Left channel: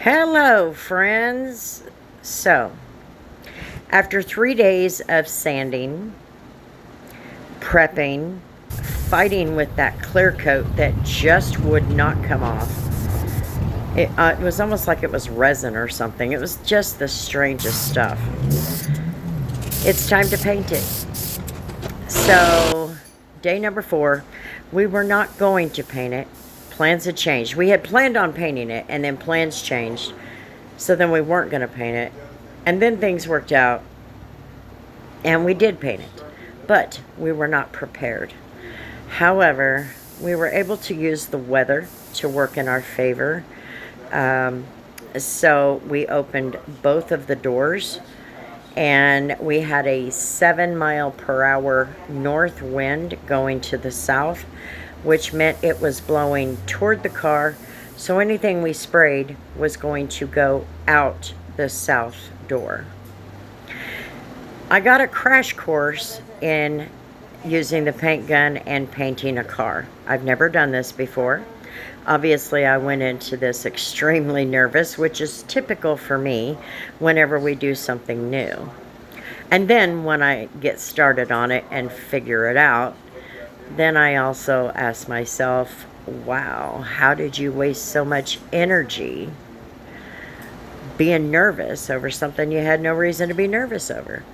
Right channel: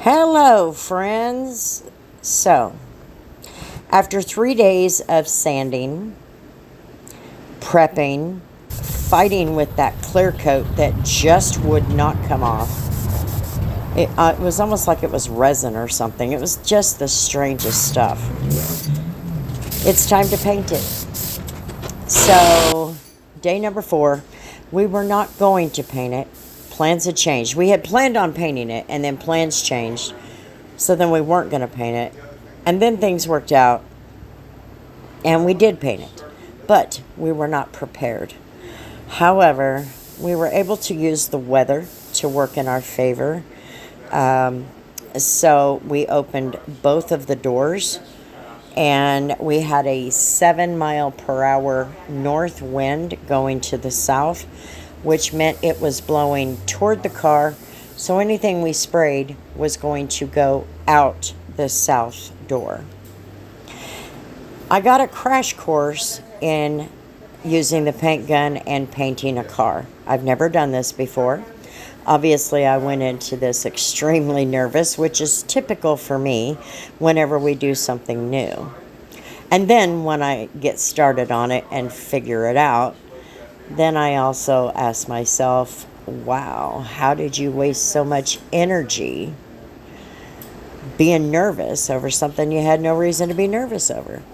Hello, friends. So, after 3 days of sanding, prepping, fighting with that clear coat that just would not come off, it was almost like it was resin or something. It was just the strangest stuff. It's time to paint it. So, day number 4, we were not going to paint it. Plans had changed. We had planned on painting it, and then plans changed. So then we weren't going to paint it. And then things worked out, and we did paint it. But we were not prepared. However, we were able to use the weather to work in our favor. So we opened both of the doors, and we had a 7-mile-per-hour north wind going to the south, which meant it was blowing toward the car. So anything we sprayed was going to go out the south door. I got a crash course in using the paint gun and painting a car. I've never done this before. Obviously, I went into this extremely nervous, which is typical for me whenever we do something new. And then when I get started on it and figure it out, then I also ask myself, wow, how did you waste so much energy being nervous over something you had no reason to be nervous over?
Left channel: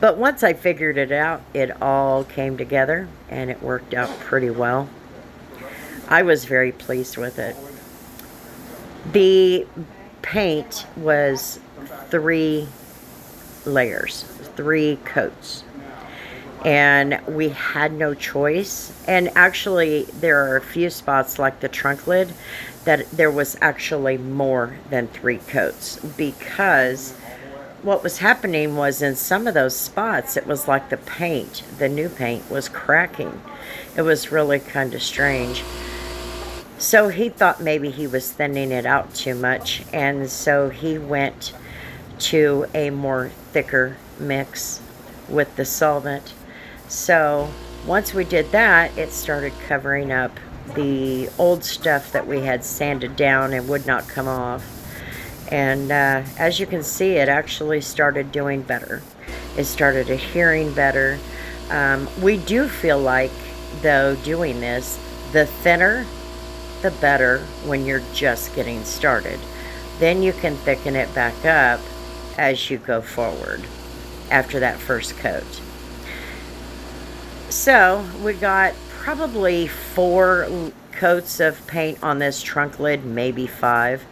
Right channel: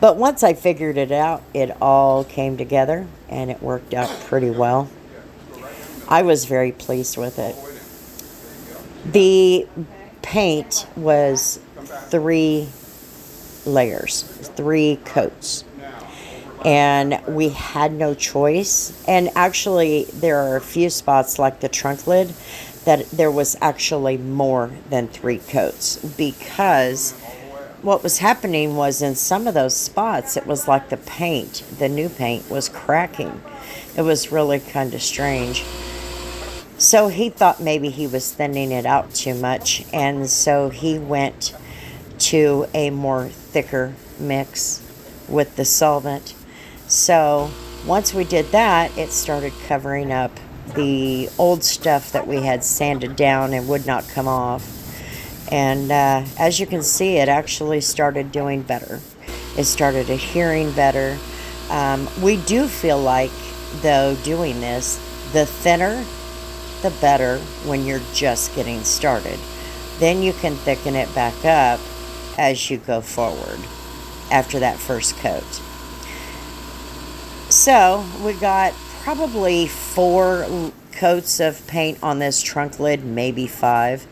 But once I figured it out, it all came together and it worked out pretty well. I was very pleased with it. The paint was 3 layers, 3 coats. And we had no choice. And actually, there are a few spots like the trunk lid that there was actually more than 3 coats, because what was happening was in some of those spots, it was like the new paint was cracking. It was really kind of strange. So he thought maybe he was thinning it out too much, and so he went to a more thicker mix with the solvent. So once we did that, it started covering up the old stuff that we had sanded down and would not come off. And as you can see, it actually started doing better. It started adhering better. We do feel like, though, doing this, the thinner, the better when you're just getting started. Then you can thicken it back up as you go forward after that first coat. So we got probably 4 coats of paint on this trunk lid, maybe 5,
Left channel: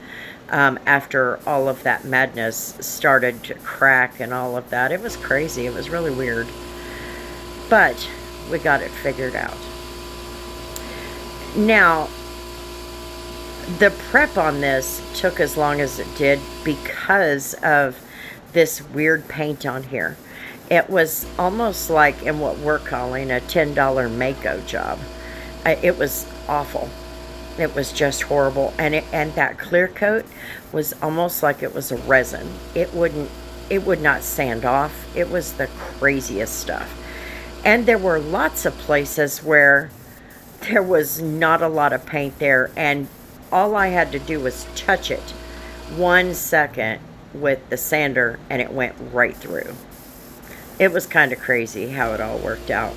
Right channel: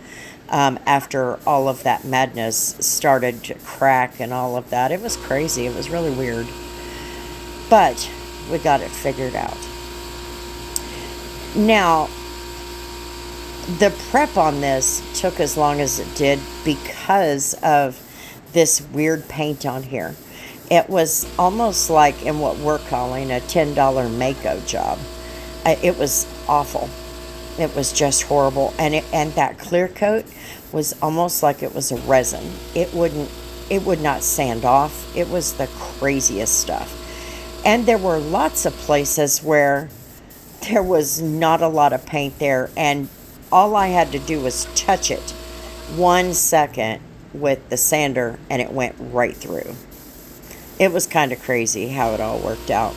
after all of that madness started to crack and all of that. It was crazy. It was really weird. But we got it figured out. Now, the prep on this took as long as it did because of this weird paint on here. It was almost like in what we're calling a $10 Mako job. It was awful. It was just horrible. And that clear coat was almost like it was a resin. It would not sand off. It was the craziest stuff. And there were lots of places where there was not a lot of paint there, and all I had to do was touch it 1 second with the sander and it went right through. It was kind of crazy how it all worked out.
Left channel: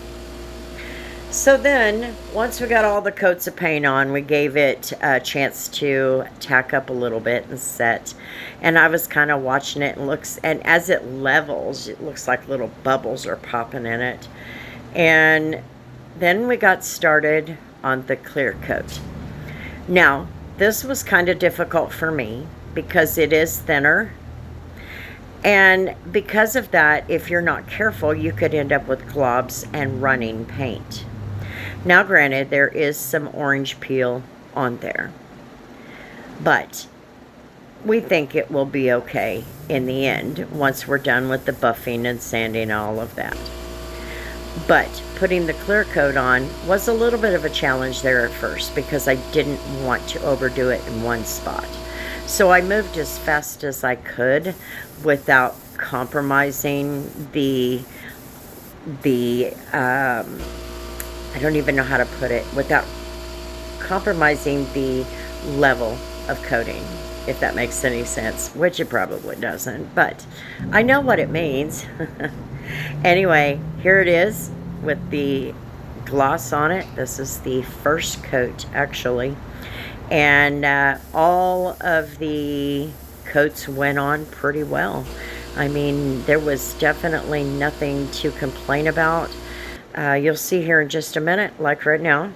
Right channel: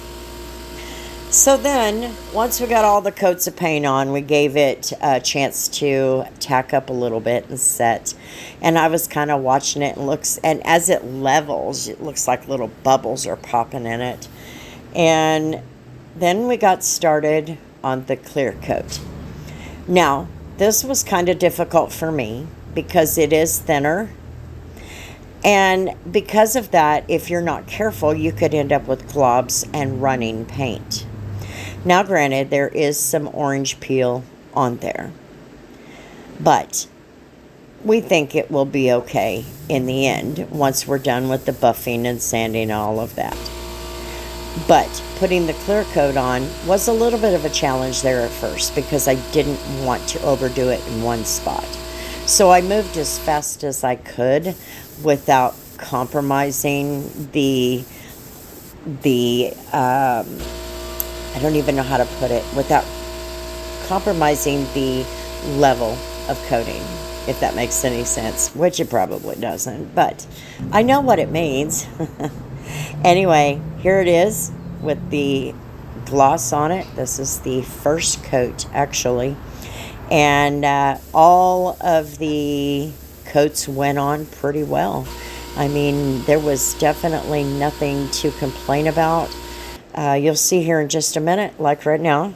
So then, once we got all the coats of paint on, we gave it a chance to tack up a little bit and set. And I was kind of watching it, and as it levels, it looks like little bubbles are popping in it. And then we got started on the clear coat. Now, this was kind of difficult for me because it is thinner. And because of that, if you're not careful, you could end up with globs and running paint. Now, granted, there is some orange peel on there, but we think it will be okay in the end once we're done with the buffing and sanding and all of that. But putting the clear coat on was a little bit of a challenge there at first because I didn't want to overdo it in one spot. So I moved as fast as I could without compromising the I don't even know how to put it, without compromising the level of coating, if that makes any sense, which it probably doesn't, but I know what it means. Anyway, here it is with the gloss on it. This is the first coat, actually. And all of the coats went on pretty well. I mean, there was definitely nothing to complain about. You'll see here in just a minute, like right now,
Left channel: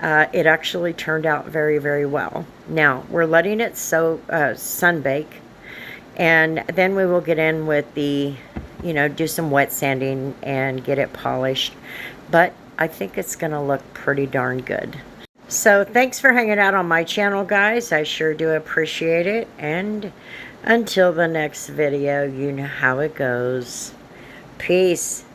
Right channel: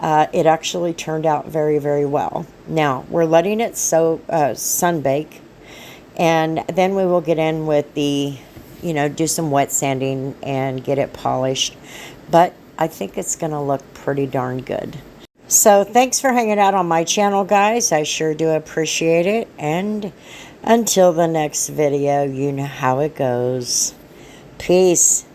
it actually turned out very, very well. Now, we're letting it sunbake, and then we will get in with the, do some wet sanding and get it polished. But I think it's going to look pretty darn good. So thanks for hanging out on my channel, guys. I sure do appreciate it. And until the next video, you know how it goes. Peace.